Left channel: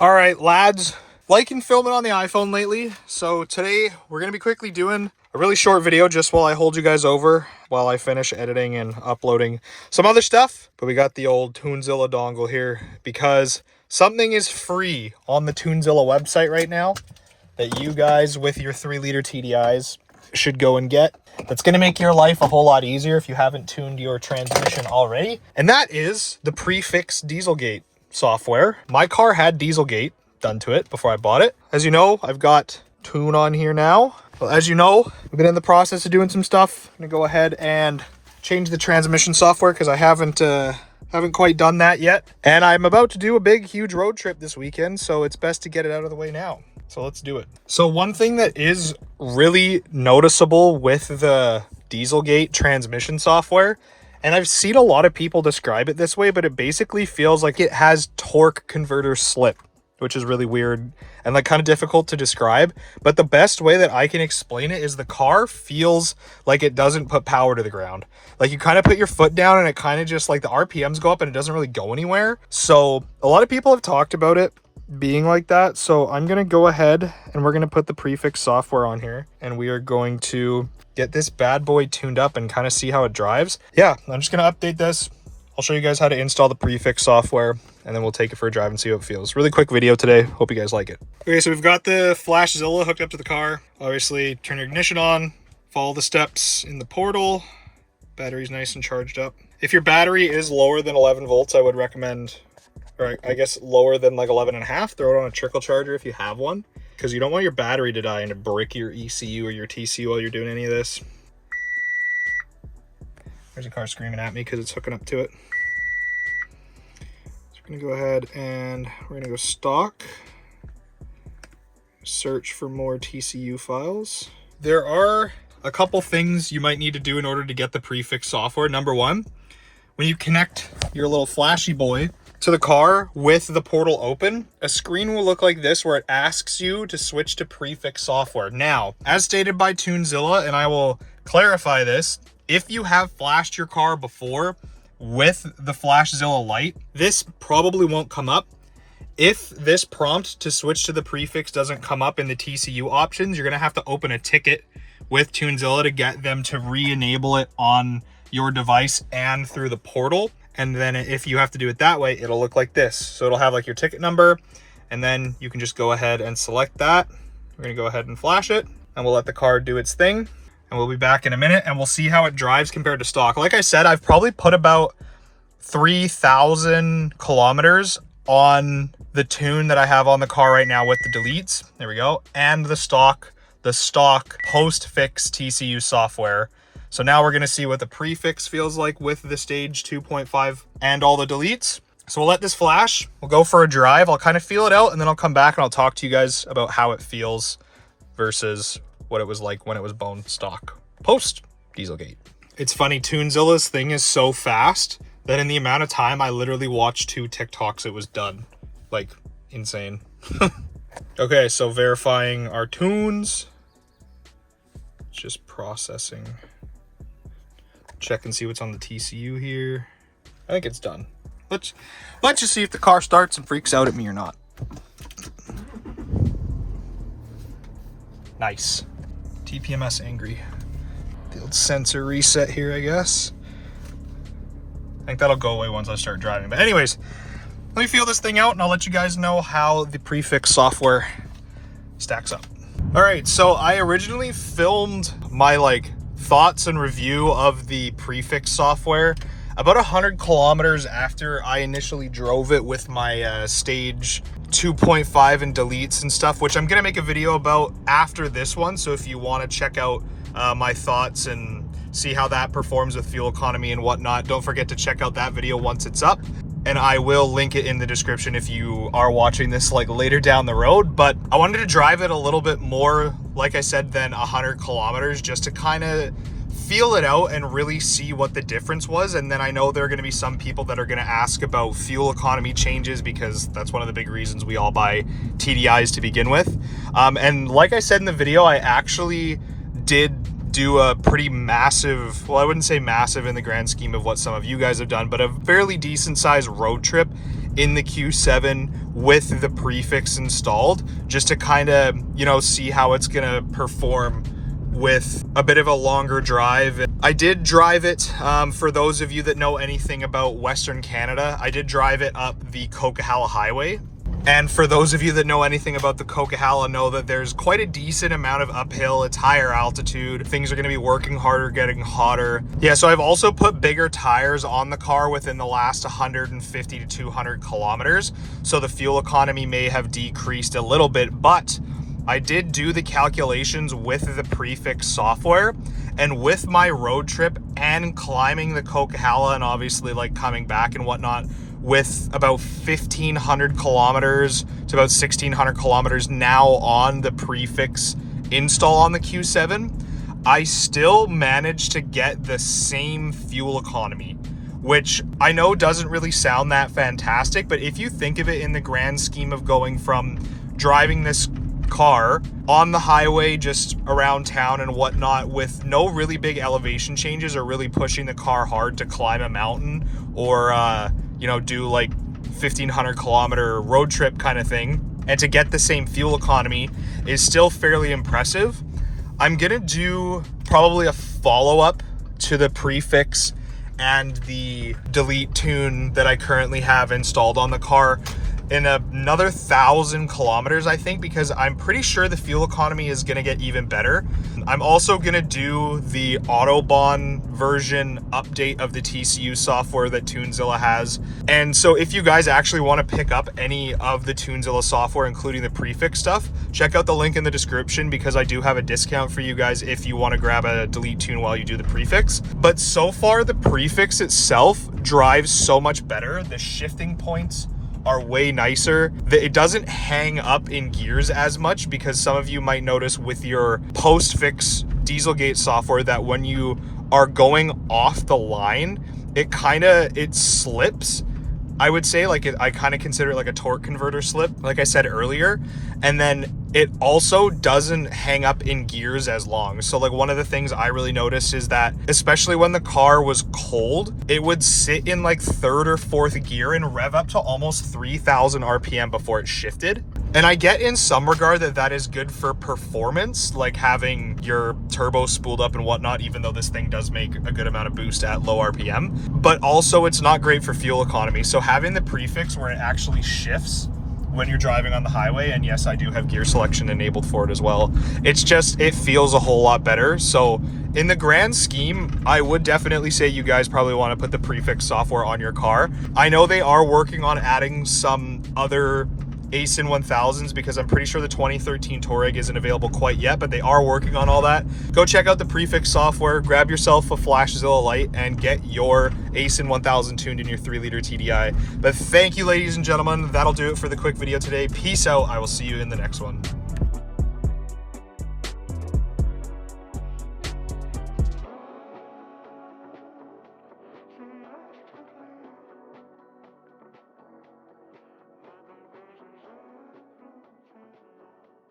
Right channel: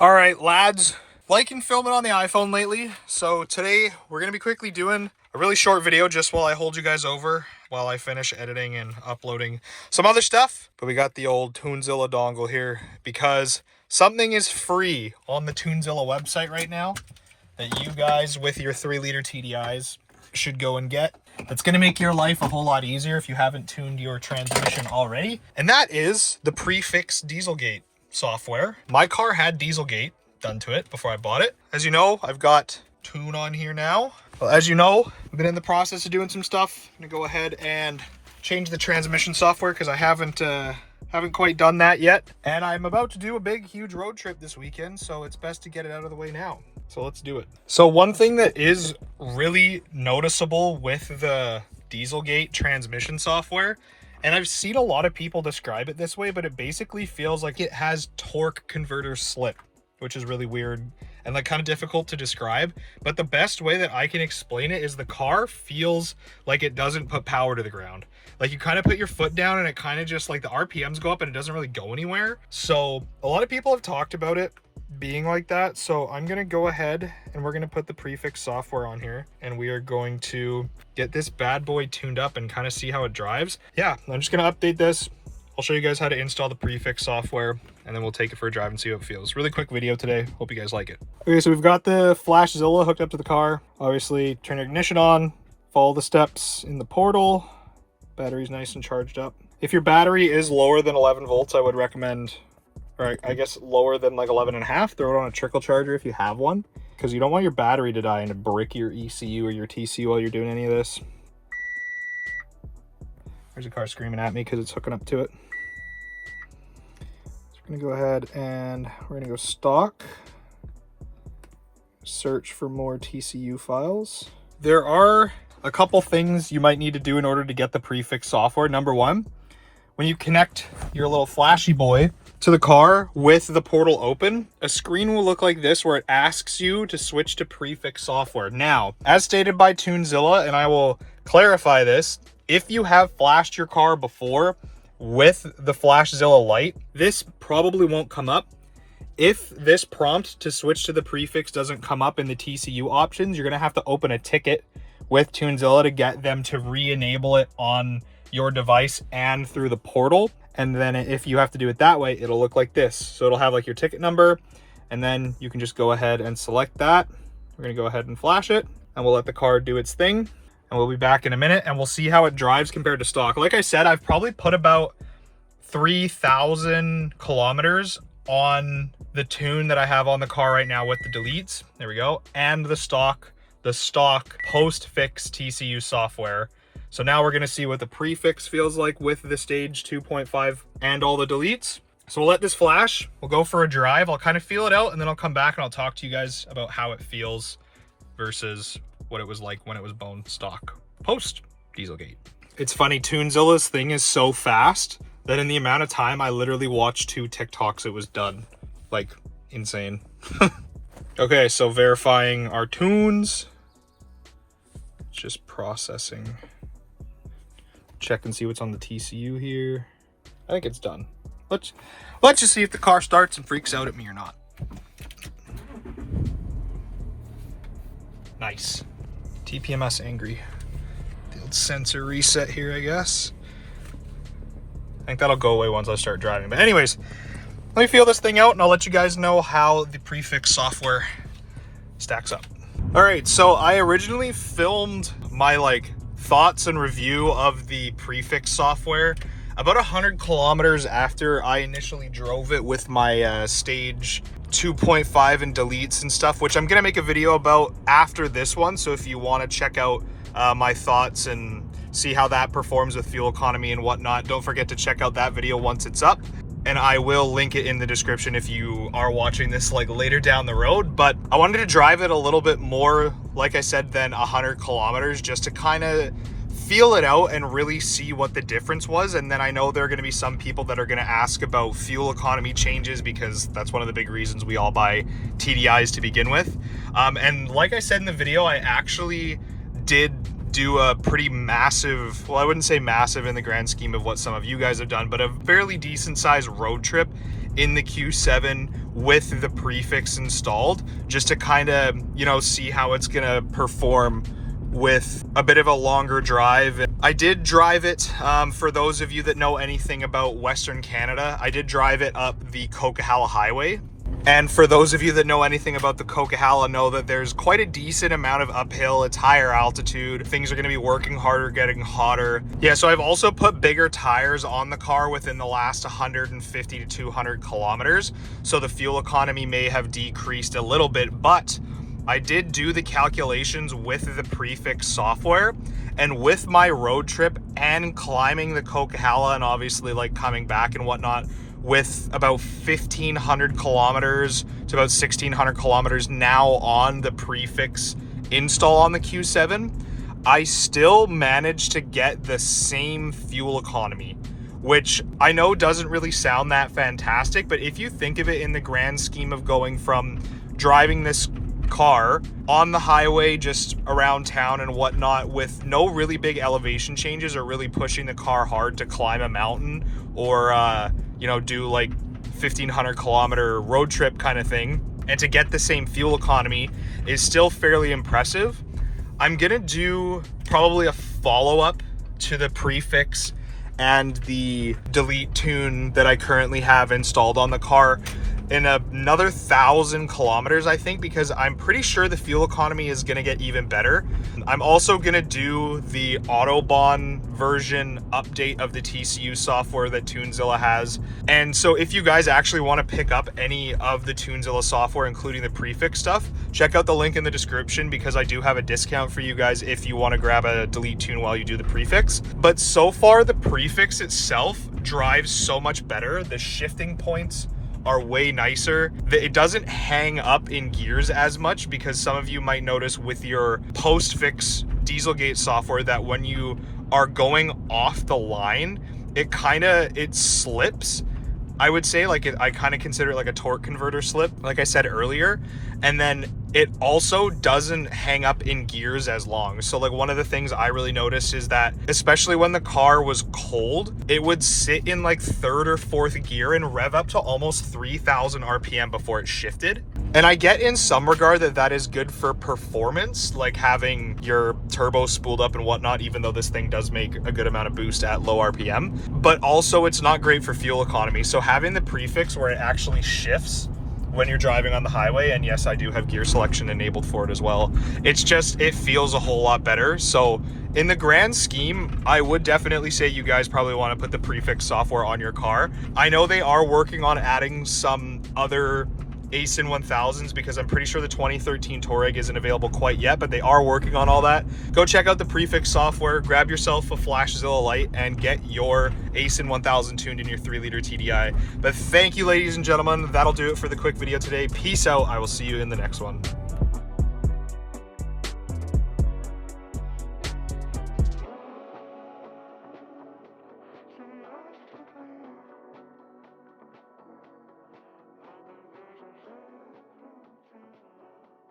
All right, lads, liking filming on the iPhone lately. So today we're going to be quickly doing a really short video just while I hold you guys over while I finish editing and uploading some other stuff. But we got the old Toonzilla dongle here because something is free on the Toonzilla website right now that you guys with your 3-liter TDIs should go and get. That's going to make your life a whole lot easier if you haven't tuned your transmission already. And that is the prefix Dieselgate software. My car had Dieselgate done to it before I bought it. As you know, I've got Tune on here now. Well, as you know, I've been in the process of doing some stuff. I'm gonna go ahead and change the transmission software because I haven't quite done that yet. And I'm about to do a big, huge road trip this weekend, so it's best to get it out of the way now. So let's do it. So one thing that is really noticeable with the Dieselgate transmission software, and I've seen a lot of people describe it this way, but it basically feels like it has torque converter slip, which is really weird and like kind of difficult to describe. But the best way that I can explain it is the car feels like it doesn't put power to the ground. Like you kind of put your foot down and it kind of just like the RPMs go up and it doesn't really go anywhere. So a lot of people have talked about it being like that. So I'm going to go ahead and we're going to put the prefix software on here and we are going to get this bad boy tuned up and kind of see how it drives. Yeah, I'm just going to update this. I'll show you guys how to install the prefix software and then we'll take it for a drive and see how it feels. Really quick video today. Hope you guys like it. Okay, so we've got the Flashzilla hooked up to the car. Obviously, turn your ignition on, follow the steps in the portal. Battery's nice and charged up. If your battery is lower than 11 volts, I would recommend, or I guess lower than like 11.5, throw it on a trickle charger if you have one, because you don't want your battery to die and to break your ECU or your TCU while you're doing any of this. There's a car screaming at me because it's hooking up to it. So we're gonna go ahead and we're gonna go stock, search for more TCU files. There are a couple things you might need to do in order to get the prefix software. Number one, when you connect your little flashy boy to the car with the portal open, a screen will look like this where it asks you to switch to prefix software. Now, as stated by Toonzilla, and I will clarify this, if you have flashed your car before with the Flashzilla light, this probably won't come up. If this prompt to switch to the prefix doesn't come up in the TCU options, you're gonna have to open a ticket with Toonzilla to get them to re-enable it on your device and through the portal. And then if you have to do it that way, it'll look like this. So it'll have like your ticket number, and then you can just go ahead and select that. We're gonna go ahead and flash it, and we'll let the car do its thing. And we'll be back in a minute, and we'll see how it drives compared to stock. Like I said, I've probably put about 3,000 kilometers on the tune that I have on the car right now with the deletes. There we go. And the stock post-fix TCU software. So now we're gonna see what the prefix feels like with the stage 2.5 and all the deletes. So we'll let this flash, we'll go for a drive, I'll kind of feel it out, and then I'll come back and I'll talk to you guys about how it feels versus what it was like when it was bone stock post Dieselgate. It's funny, Toonzilla's thing is so fast that in the amount of time I literally watched 2 TikToks, it was done. Like, insane. Okay, so verifying our tunes. Just processing. Check and see what's on the TCU here. I think it's done. Let's just see if the car starts and freaks out at me or not. Nice. TPMS angry. The old sensor reset here, I guess. I think that'll go away once I start driving. But anyways, let me feel this thing out and I'll let you guys know how the prefix software stacks up. All right, so I originally filmed my thoughts and review of the prefix software about 100 kilometers after I initially drove it with my stage 2.5 and deletes and stuff, which I'm gonna make a video about after this one. So if you want to check out my thoughts and see how that performs with fuel economy and whatnot, don't forget to check out that video once it's up. And I will link it in the description if you are watching this later down the road. But I wanted to drive it a little bit more, like I said, than 100 kilometers, just to kind of feel it out and really see what the difference was. And then I know there are going to be some people that are going to ask about fuel economy changes, because that's one of the big reasons we all buy TDIs to begin with. And like I said in the video, I actually did do a pretty massive, well, I wouldn't say massive in the grand scheme of what some of you guys have done, but a fairly decent sized road trip in the Q7 with the prefix installed, just to kind of, you know, see how it's gonna perform with a bit of a longer drive. I did drive it, for those of you that know anything about Western Canada, I did drive it up the Coquihalla Highway. And for those of you that know anything about the Coquihalla, know that there's quite a decent amount of uphill. It's higher altitude. Things are going to be working harder, getting hotter. Yeah, so I've also put bigger tires on the car within the last 150 to 200 kilometers. So the fuel economy may have decreased a little bit, but I did do the calculations with the prefix software, and with my road trip and climbing the Coquihalla and obviously like coming back and whatnot, with about 1,500 kilometers to about 1,600 kilometers now on the prefix install on the Q7, I still managed to get the same fuel economy, which I know doesn't really sound that fantastic, but if you think of it in the grand scheme of going from driving this car on the highway just around town and whatnot with no really big elevation changes or really pushing the car hard to climb a mountain or you know, do like 1,500 kilometer road trip kind of thing, and to get the same fuel economy is still fairly impressive. I'm gonna do probably a follow-up to the prefix and the delete tune that I currently have installed on the car in another 1,000 kilometers, I think, because I'm pretty sure the fuel economy is gonna get even better. I'm also gonna do the Autobahn version update of the TCU software that Tunezilla has. And so if you guys actually wanna pick up any of the Tunezilla software, including the prefix stuff, check out the link in the description because I do have a discount for you guys if you wanna grab a delete tune while you do the prefix. But so far, the prefix itself drives so much better. The shifting points are way nicer. It doesn't hang up in gears as much, because some of you might notice with your post-fix Dieselgate software that when you are going off the line, it slips. I would say I kind of consider it like a torque converter slip, like I said earlier. And then it also doesn't hang up in gears as long. So like one of the things I really noticed is that, especially when the car was cold, it would sit in like third or fourth gear and rev up to almost 3,000 RPM before it shifted. And I get in some regard that is good for performance, like having your turbo spooled up and whatnot, even though this thing does make a good amount of boost at low RPM. But also it's not great for fuel economy. So having the prefix where it actually shifts when you're driving on the highway, and yes, I do have gear selection enabled for it as well, it feels a whole lot better. So in the grand scheme, I would definitely say you guys probably want to put the prefix software on your car. I know they are working on adding some other Aisin 1000s because I'm pretty sure the 2013 Touareg isn't available quite yet, but they are working on all that. Go check out the prefix software, grab yourself a Flashzilla light, and get your Aisin 1000 tuned in your 3-liter TDI. But thank you, ladies and gentlemen. That'll do it for the quick video today. Peace out. I will see you in the next one.